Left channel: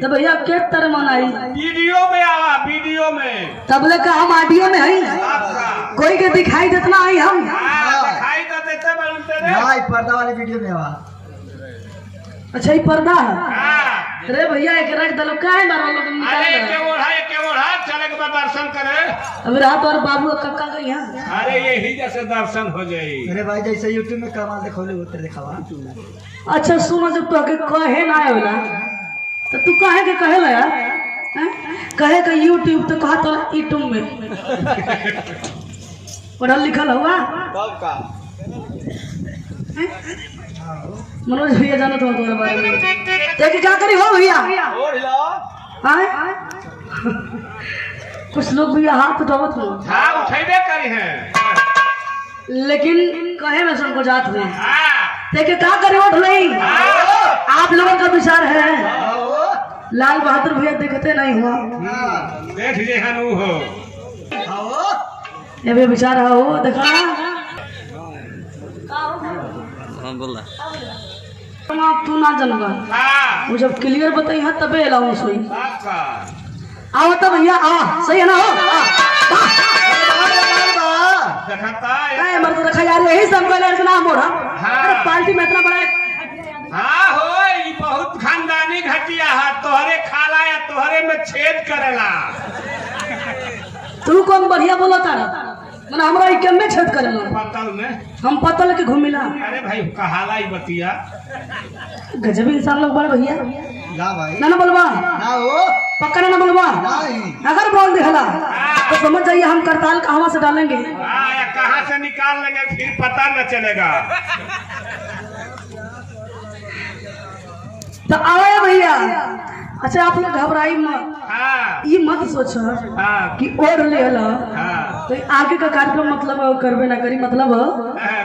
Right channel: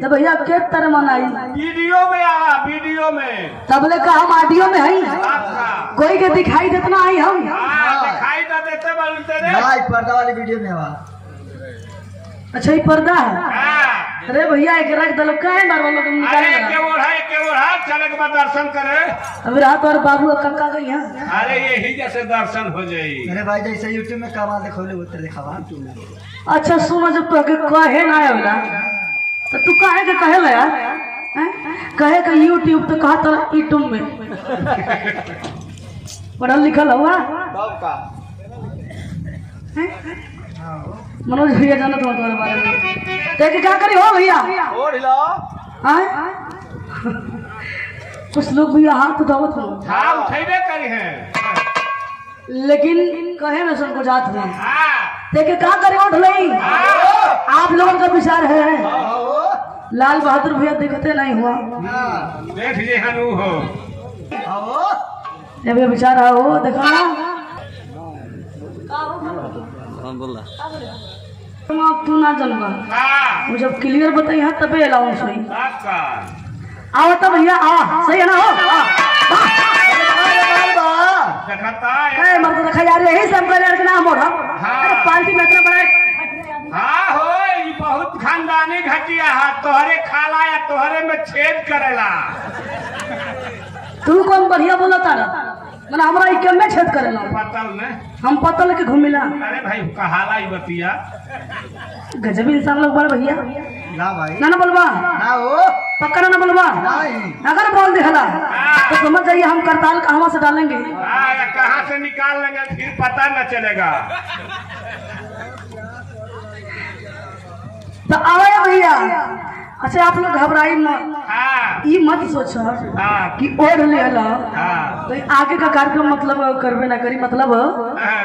तो भैया के तरह मनाई वीडियो में आवा वीडियो में तबले का हम ऑडियो में है कोई के दिखाई देतना है हम दिखाई तो देते बोलते रे हां पर्दा वाली वीडियो में आवा। अच्छा ये पर्दा है अरे भैया एक रख दलो काहे मार वालों को निकाल अरे के ओढ़ा चले के बाद दर्शन करे अभी रात और बाबू कक्का गई है अरे यही जैसे दर्शन हो जाई। अरे भाई जैसे YouTube में कमाल देखौले उतर दिखावा YouTube में। अच्छा सुनो जब तो के कहे ना होला तो तू काहे के कहे ला यार कहे का YouTube तो कहा तो YouTube में पढ़ल लिखल हुआ तब का मनोज भैया जानो तुम्हारे बारे में देख क्या करी हो भैया और हिला कुछ लोग भैया हाथ उठावत हो हां उठेबे करी है लेकिन कहे में सबको जात में हां देखे क्या करे उठ नहीं आप लोगों का विचार है लाल बहादुर भैया देखते नहीं हो देख जे हनु हो ये भी विचार हो देखा हाँ बोल तू ना जनगा हां वो जब क्लियर बताई है तबे अलाउ सही आपका आओ तब भैया आओ सही है ना हो देखता ए मर्द रखा यार यही संपल है ना मोड़ा अरे पार्टी में इतना बड़ा हां हो ई बहुत खानदानी घटिया है तोहरे खाला या तोहरे में छेद करेला तू कौन बढ़िया बोला तारा मने हमरा ई के में छेद करेला पतल में हम पतल के घूमिला अरे भाई कहाला ही बतिया गजब इंसान लोग बड़ा भैया ना भाई ना बोलवा ना हो पक्का ना बोलवा नहीं अगर बोल देहला तो समझ जाइए हम करताल कहवा से डालेंगे या कहां से निकाल लेंगे फिर पता न चलेगा। तो आओ भैया अच्छा आप लोग घबराई मत हां ये मत सोचो हां कि और ले हला हां तो आगे का कार्यक्रम मतलब करबे ना करी मतलब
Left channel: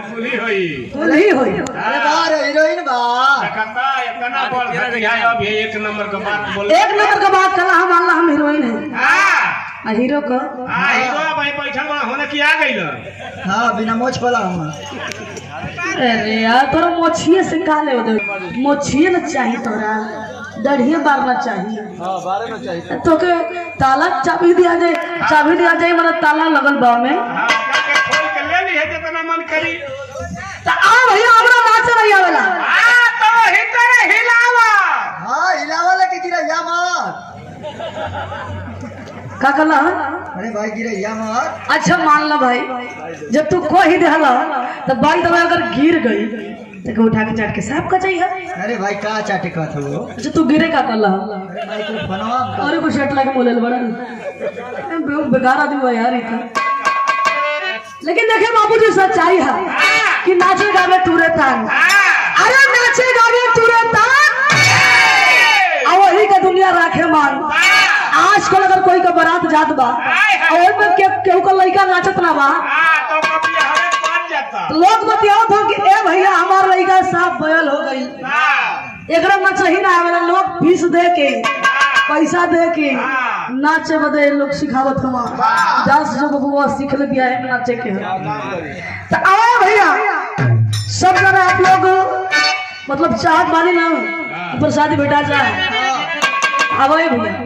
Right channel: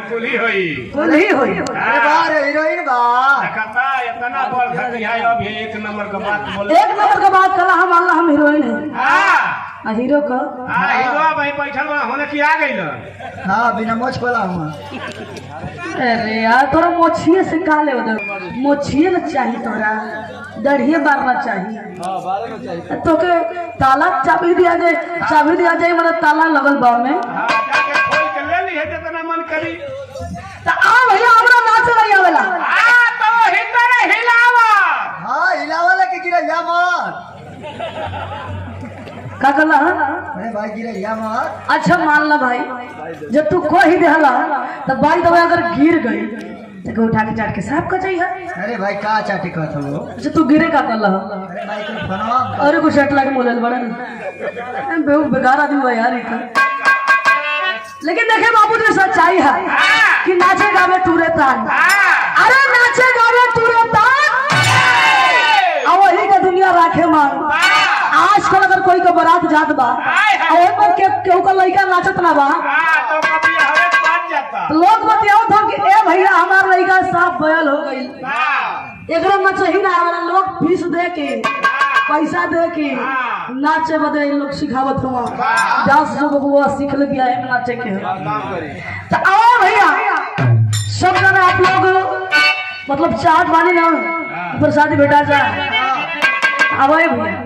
कुली होई तो नहीं होई अरे बार हीरोइन बा देखता इतना बोल घटिया है अभी एक नंबर का बात बोल एक नंबर का बात कला हम अल्लाह हम हीरोइन है हां हीरो को हीरो भाई बैठल बा होने की आ गइल हां बिना मोछ पला हम। अरे यार तोरा मोछिए से का ले उधर मोछिए ना चाहिए तोरा दढ़िए बारना चाहिए हां बारे में चाहिए तो के ताला चाबी दिया जाए मतलब ताला लगल बा में हां जाके खोल के ले ली है जितना मन करी तो आओ भैया हमरा नाचे नहीं आवेला हां तो हिटर हिलावा हां हिलावाला के गिरा या मार का कहला अरे भाई गिरा या मार। अच्छा मान ला भाई जब तू को ही देहला तो बाई दवा अगर गिर गई तो उठा के चाट के साफ कर जाइए अरे भाई का चाटे का थो अच्छा तू गिरे का कहला अरे भाई तू फनवा और कुछ अटला के बोलल बड़ा बेकार आदमी हुआ यार इतना लेकिन देखे बाबू जी सच्चाई है कि नाचे गावे तूरे तान अरे नाचे गावे तूरे तान और वही का दुनिया राखे मान आजकल अगर कोई का बारात जात बा और में केहू का लड़का नाचत ना बा तो कभी हवा बात जाता लोग बतियावत हो कि ए भैया हमार लड़का साफ बयल हो गई हां एकरा में सही ना आवेला लोग फीस दे के पैसा दे के नाचे बदे लोग सिखावत हुआ दस जो बबुआ सीख ले दिया है नाचे के काम करी तो आओ भैया सब जगह आप लोग मतलब चाहत वाली ना प्रसादी भेटा जाए अब भैया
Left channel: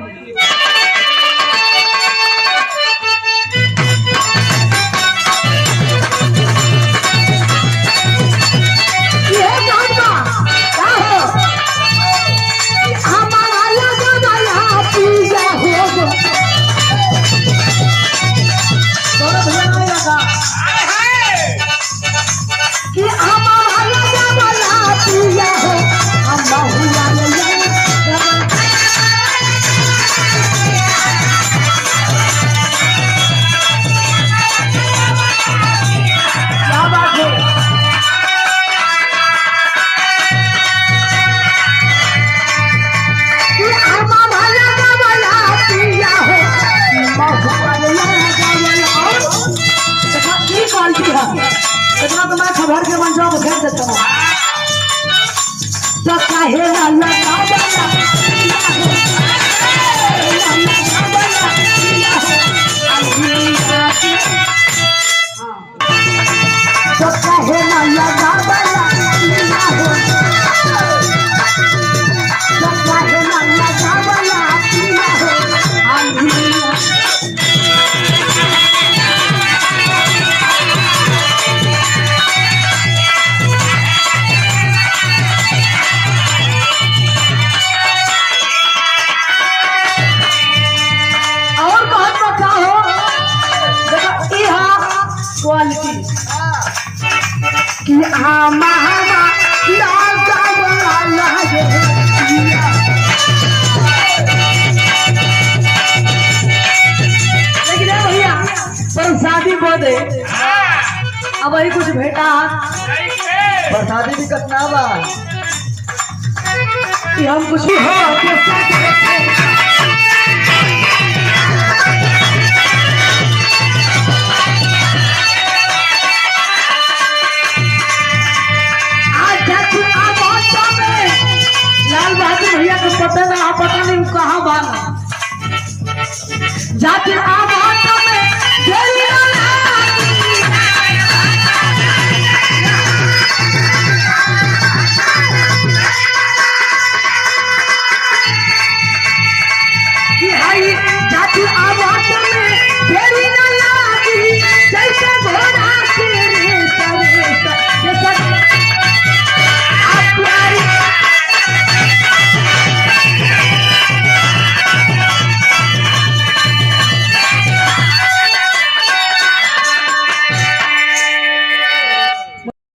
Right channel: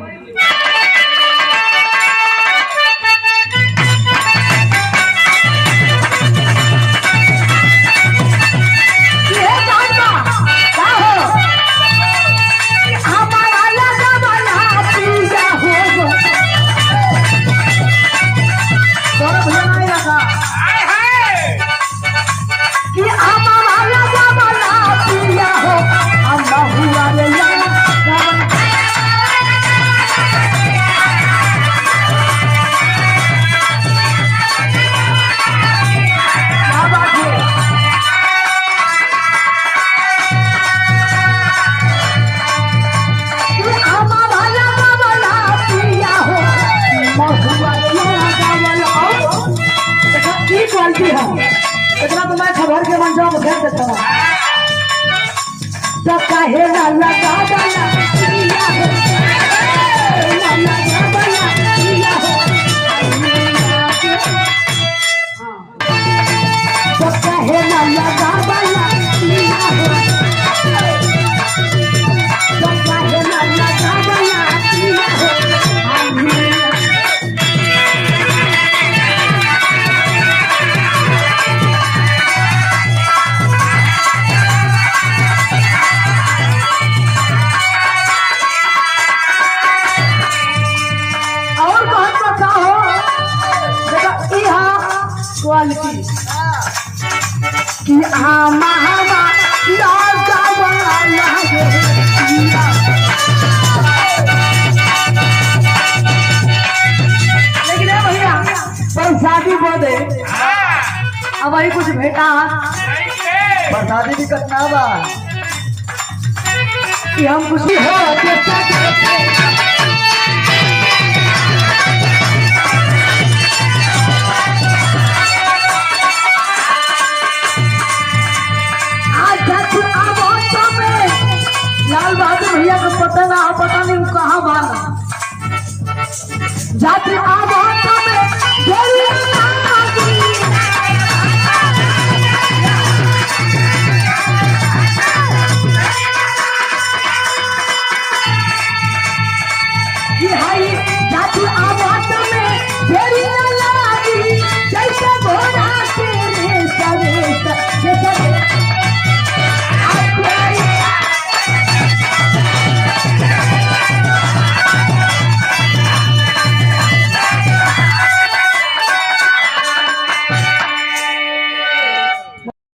इतना तो मैं खबर के बन जाओ भेज देता हूँ तो काहे ना लगा तो काहे ना लगा बदे हाँ, अब वही कुछ भेटा कैसे? बरसाती भी कतना बा कि हम कुछ लाल बहादुर भैया को पता नहीं कहाँ बाना जाते आवा